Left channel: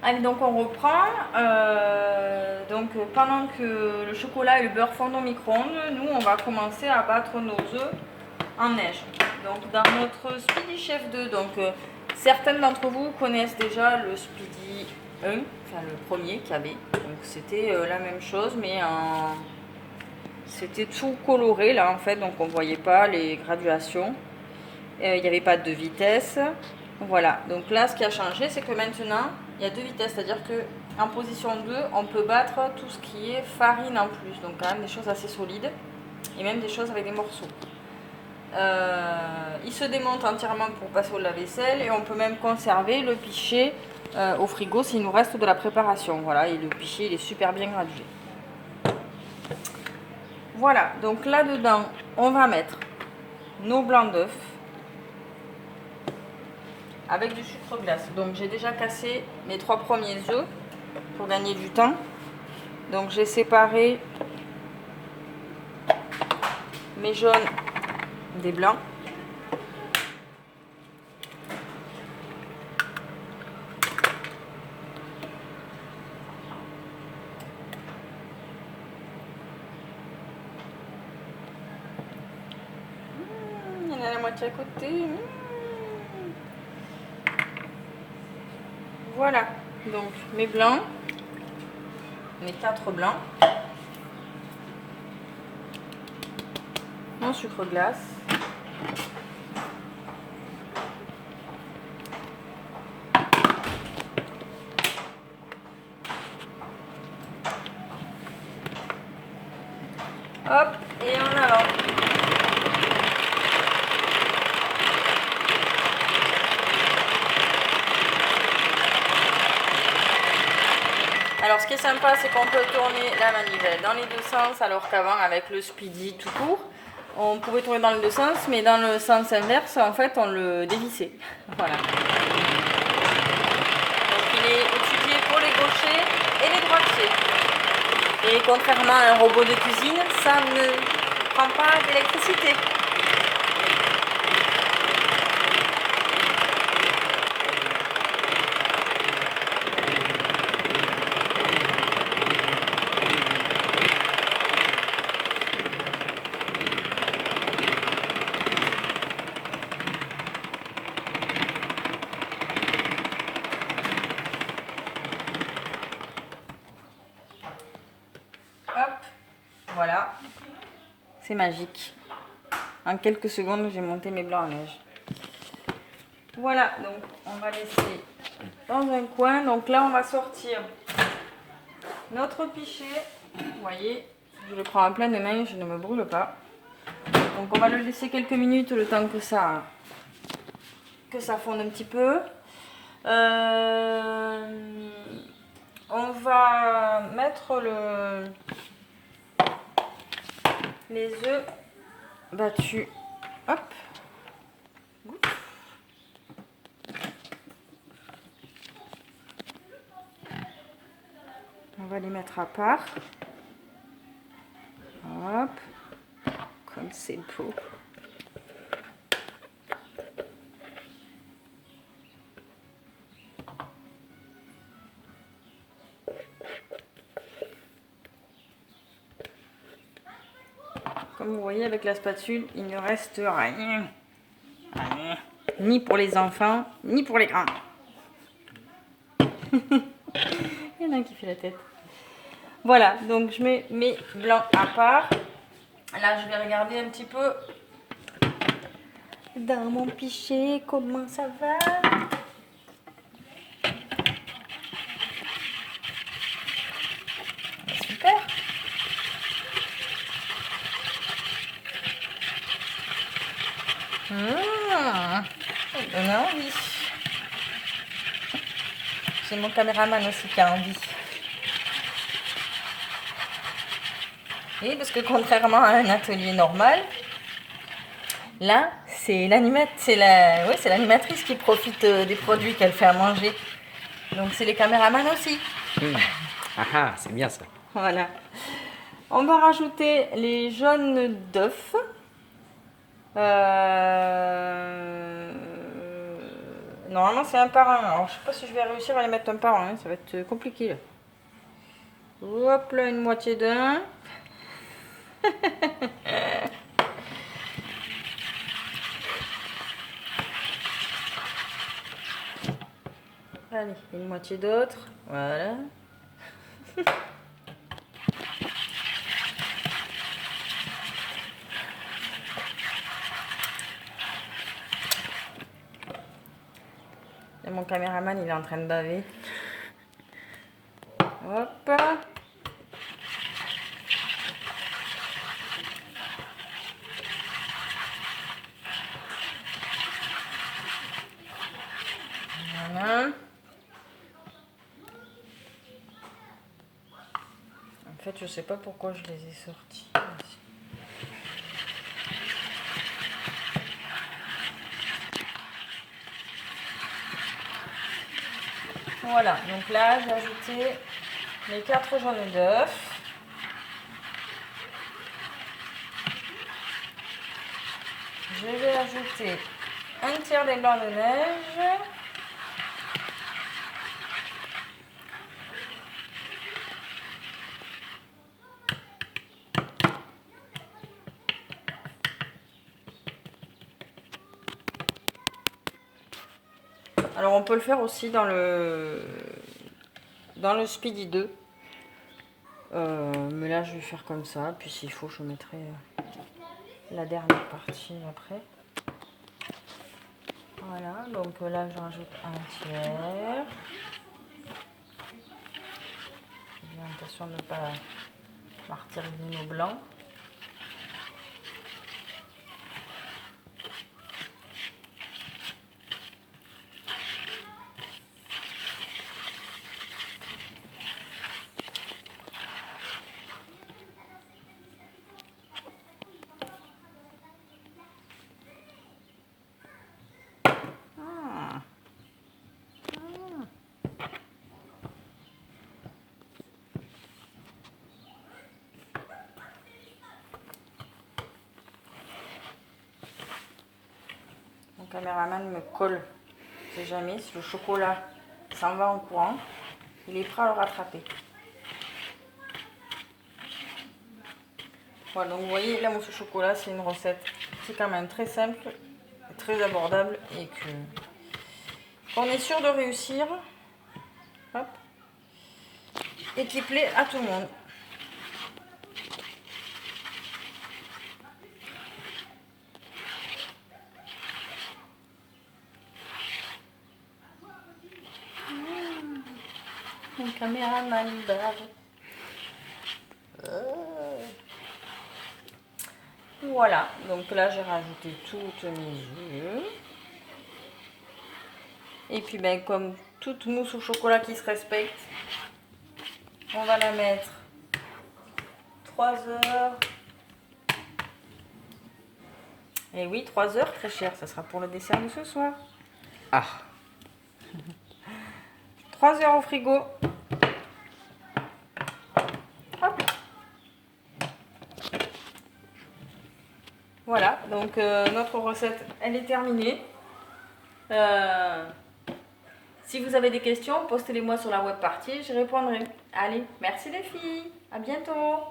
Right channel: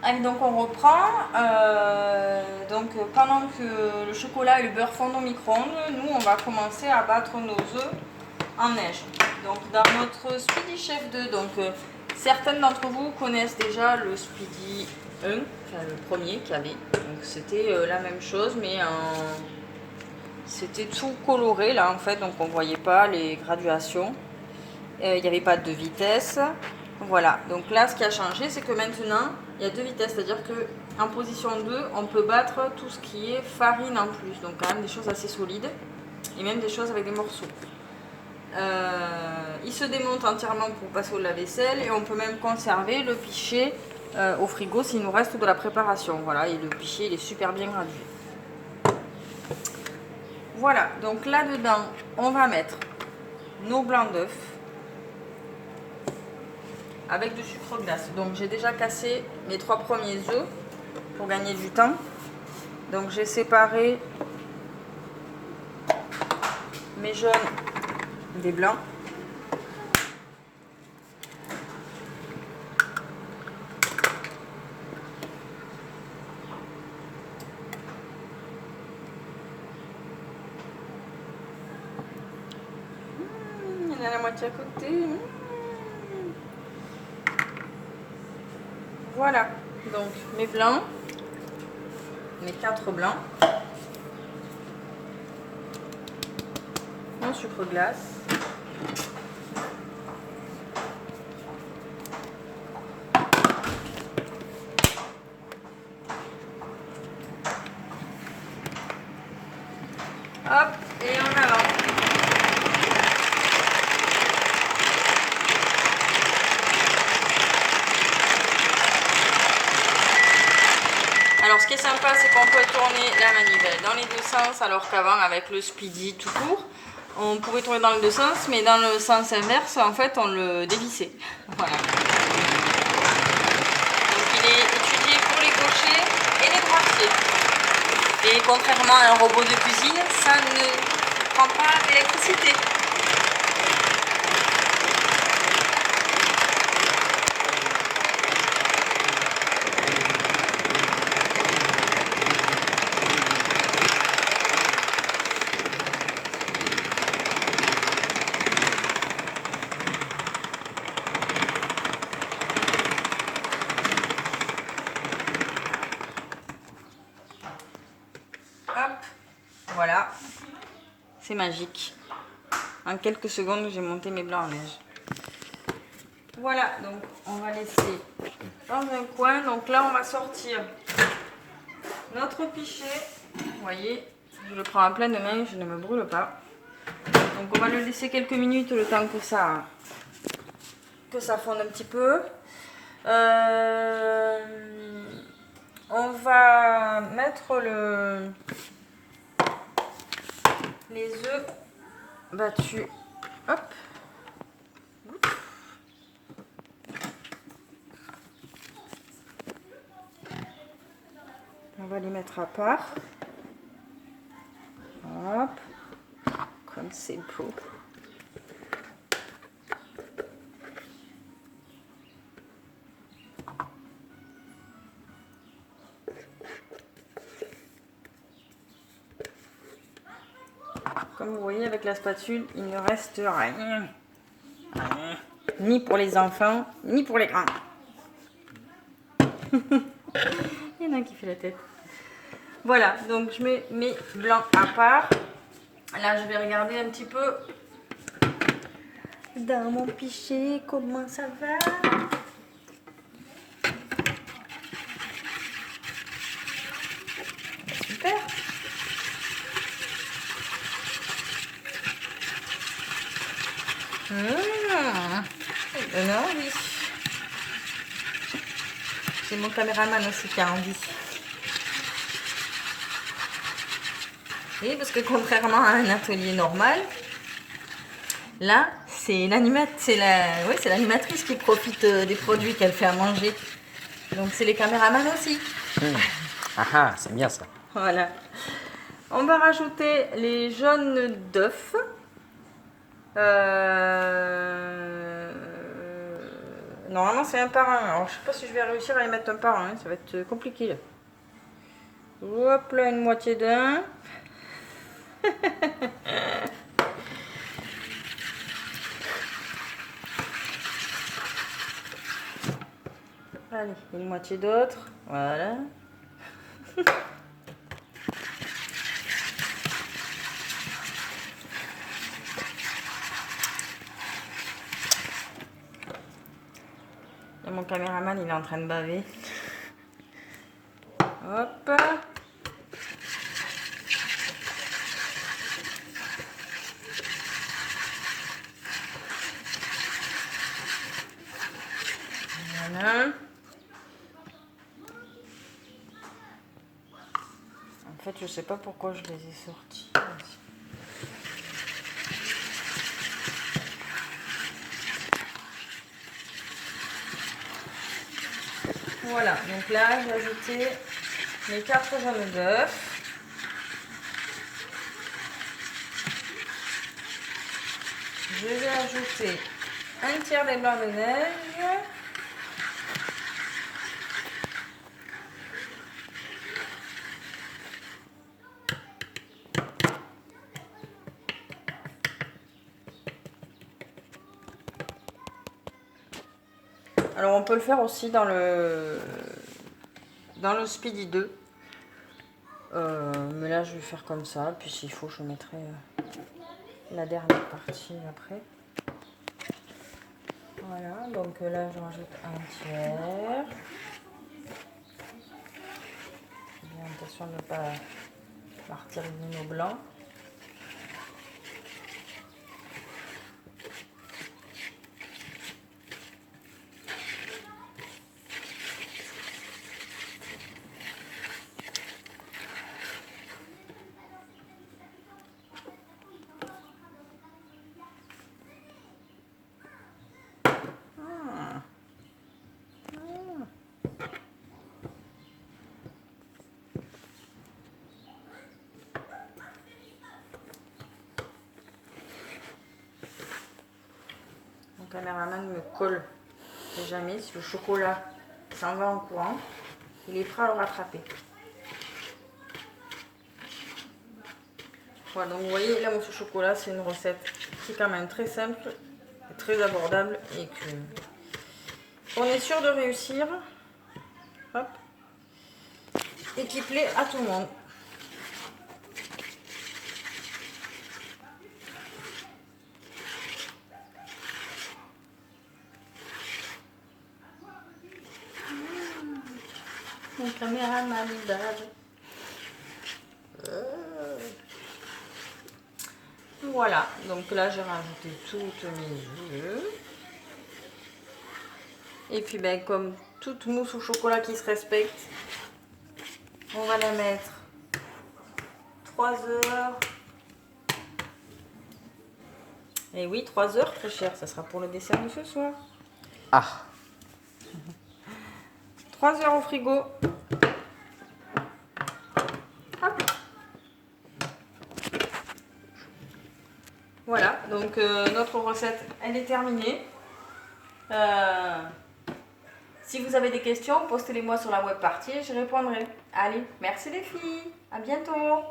Allez, donc on reprend. Donc pendant que le chocolat et le beurre fondent au micro-ondes, nous on va commencer à battre nos œufs en neige. Donc dans notre Speedy Chef 2, certaines d'entre vous connaissent déjà le Speedy 1, enfin le premier qu'il y avait. Donc c'était la même chose, mais c'était tout coloré là en fait, donc on voyait pas les graduations. Il n'y avait pas de vitesse. Voilà, donc là ce qui a changé, c'est que maintenant il y a deux vitesses, c'est-à-dire que en position 2, on peut battre tout ce qui est farine en plus, donc quand même des choses assez solides et même des choses avec des morceaux. Il se démonte entièrement pour passer au lave-vaisselle et on peut même conserver le pichet au frigo s'il nous reste de la préparation. Voilà, et le pichet il est super bien gradué. Voilà, donc là-dedans, on va mettre nos blancs d'œufs avec du sucre glace. Donc j'ai déjà cassé mes 3 premiers œufs pour gagner du temps. Donc j'ai séparé mes jaunes des blancs. Il y en a la moitié à côté. Voilà, donc mes blancs, mes 4 blancs, mon sucre glace, hop, et en avant. Alors ce qui est sympa, c'est qu'on peut tourner la manivelle dans les deux sens, alors qu'avant avec le Speedy tout court, on pouvait tourner dans les deux sens, mais dans le sens inverse, en fait, on le dévissait. Voilà. Donc il est étudié pour les gauchers et les droitiers. Et contrairement à un robot de cuisine, ça ne prend pas d'électricité. Hop, voilà, c'est magique. En quelques secondes, j'ai monté mes blancs en neige. Voilà, donc on va laisser dans un coin. Donc là, on va sortir notre pichet. Vous voyez, je le prends en pleine main, je ne me brûle pas. Donc on va le laisser quelques minutes, le temps que ça fonde un petit peu. On va mettre les œufs battus. Hop. On va les mettre à part. Hop. Comme c'est beau. Comme vous voyez, avec la spatule, il ne reste rien. Ni pour les enfants, ni pour les grands. Il y en a qui fait la tête. Voilà, donc je mets mes blancs à part. Là, je vais regarder un petit peu dans mon pichet comment ça va. Super. Ça donne envie. C'est mon caméraman aussi qui a envie. Oui, parce que contrairement à un atelier normal, là, c'est l'animatrice qui profite des produits qu'elle fait à manger. Donc c'est les caméramans aussi. Ah ah, c'est bien ça. Voilà. On va rajouter les jaunes d'œufs. Normalement, c'est un par un. Alors, je sais pas si je vais réussir à les mettre un par un. Ça va être compliqué. Là. Hop là, une moitié d'un. Allez, une moitié d'autre. Voilà. Et mon caméraman, il est en train de baver. Hop. Voilà. En fait, je sais pas pourquoi je les ai sortis. Voilà, donc là, j'ai ajouté les 4 jaunes d'œufs. Je vais ajouter un tiers des blancs de neige. Alors on peut le faire aussi dans le Speedy 2. Mais là je vais faire comme ça. Puis s'il faut je mettrai la dernière partie après. Voilà, donc là je rajoute un tiers. J'ai l'intention de ne pas martyriser nos blancs. Mon caméraman me colle. C'est jamais si le chocolat s'en va en courant, il est prêt à le rattraper. Voilà, donc vous voyez, la mousse au chocolat, c'est une recette qui est quand même très simple, très abordable et qu'on est sûr de réussir. Hop. Et qui plaît à tout le monde. Mon caméraman d'âge. Voilà, donc là j'ai rajouté toutes mes œufs. Et puis ben, comme toute mousse au chocolat qui se respecte, on va la mettre 3 heures. Et oui, 3 heures, très cher, ça sera pour le dessert de ce soir. Ah, 3 heures au frigo. Hop. Voilà, donc notre recette, elle est terminée. Si vous avez des questions, postez-les moi sur la web partie, je répondrai. Allez, merci les filles, à bientôt.